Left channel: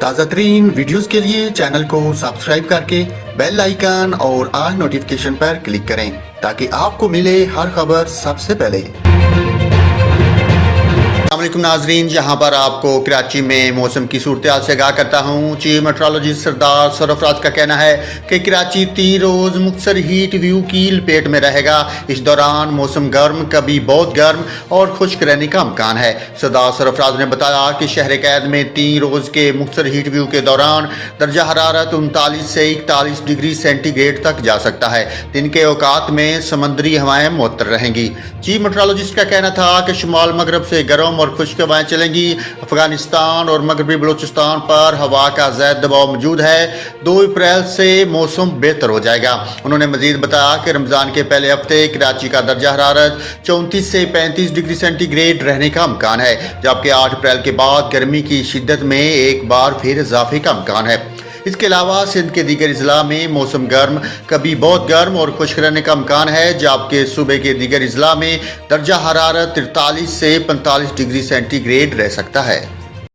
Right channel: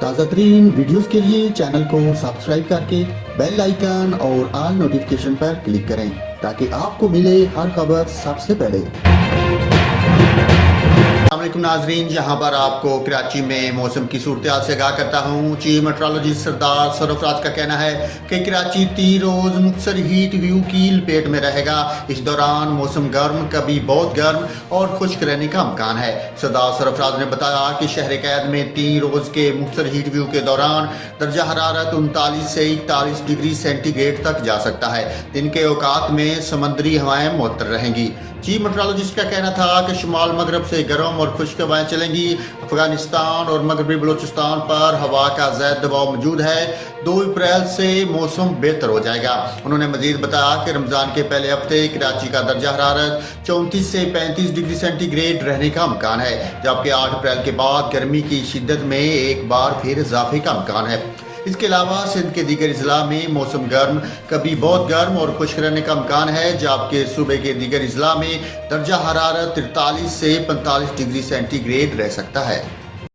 تازہ ترین ویڈیوز کے لیے چینل کو سبسکرائب کر کے بیل آئیکن اور آل نوٹیفیکیشن پر کلک کریں تاکہ آپ کو ملے ہر خبر سب سے پہلے۔ السلام علیکم ناظرین، یہاں پر آپ کو کراچی میں موسم کی صورتحال سے آگاہ کرتا ہوں۔ چیف میٹرولوجسٹ سردار سرفراز کا کہنا ہے کہ کراچی 3 روز مختصر ہیٹ ویو کی لپیٹ میں رہے گا۔ اس دوران موسم گرم، کبھی بہت گرم اور خشک رہنے کا امکان ہے۔ سردار سرفراز نے بتایا کہ شہر قید میں 3 روز کے مختصر ہیٹ ویو کے دوران درجہ حرارت 39 سے 41 ڈگری سینٹی گریڈ تک جا سکتا ہے۔ دن کے اوقات میں سمندری ہوائیں معطر رہیں گی۔ چیف میٹرولوجسٹ کا کہنا تھا کہ شمال مغرب سے گرم اور خشک ہوائیں چلیں گی۔ افغانستان اور مغربی بلوچستان پر ہوا کا زائد دباؤ موجود ہے۔ 2 اپریل سے موسم بہتر ہو جائے گا۔ انہوں نے مزید بتایا کہ رمضان کے پہلے ہفتے کراچی کا درجہ حرارت 34 سے 35 ڈگری سینٹی گریڈ رہنے کا امکان ہے، جبکہ 8 اپریل کے بعد گرمی کی شدت میں ایک بار پھر اضافے کا امکان ہے۔ اس کے علاوہ سندھ کے دیگر اضلاع میں موسم گرم، کبھی بہت گرم اور خشک رہنے کا امکان ہے، جبکہ صوبے کے دیگر اضلاع میں درجہ حرارت 43 سے 45 ڈگری سینٹی گریڈ رہ سکتا ہے۔